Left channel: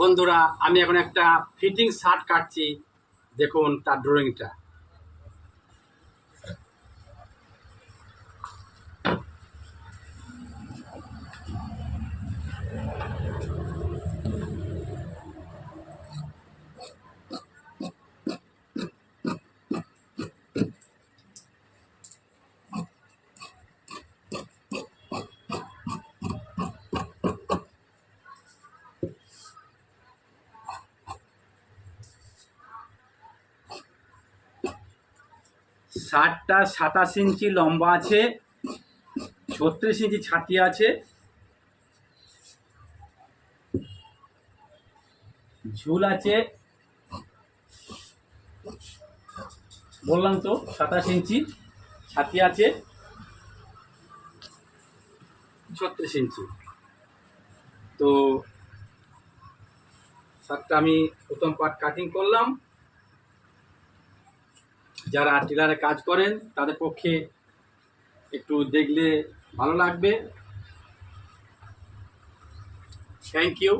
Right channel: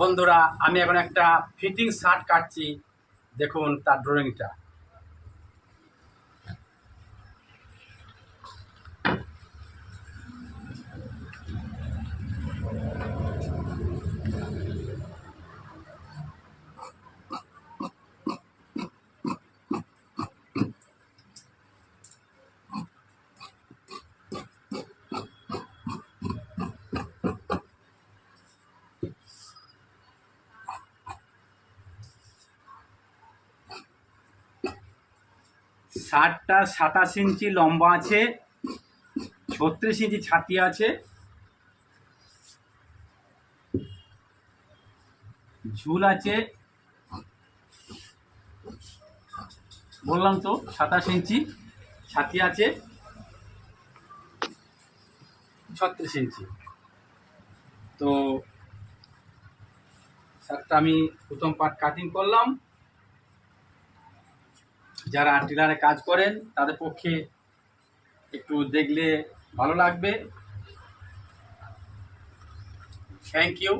বন্ধুরা, আমি এখন একটা ফিটিং শার্ট কাটছি। দেখুন তার ড্রয়িংটা। শার্টটা 27 ইঞ্চি লম্বা আছে, 36 ইঞ্চি ছাতি আছে, ঝুল আছে, বললাম তো 27 ইঞ্চি ছাতি আছে, 36 ইঞ্চি। তো শার্টটা আমি প্রথম পার্ট কাটিং করলাম। যারা টেলারে কাজ করেন তাদের পক্ষে একটু দেখলে ভালো লাগবে। Thank you.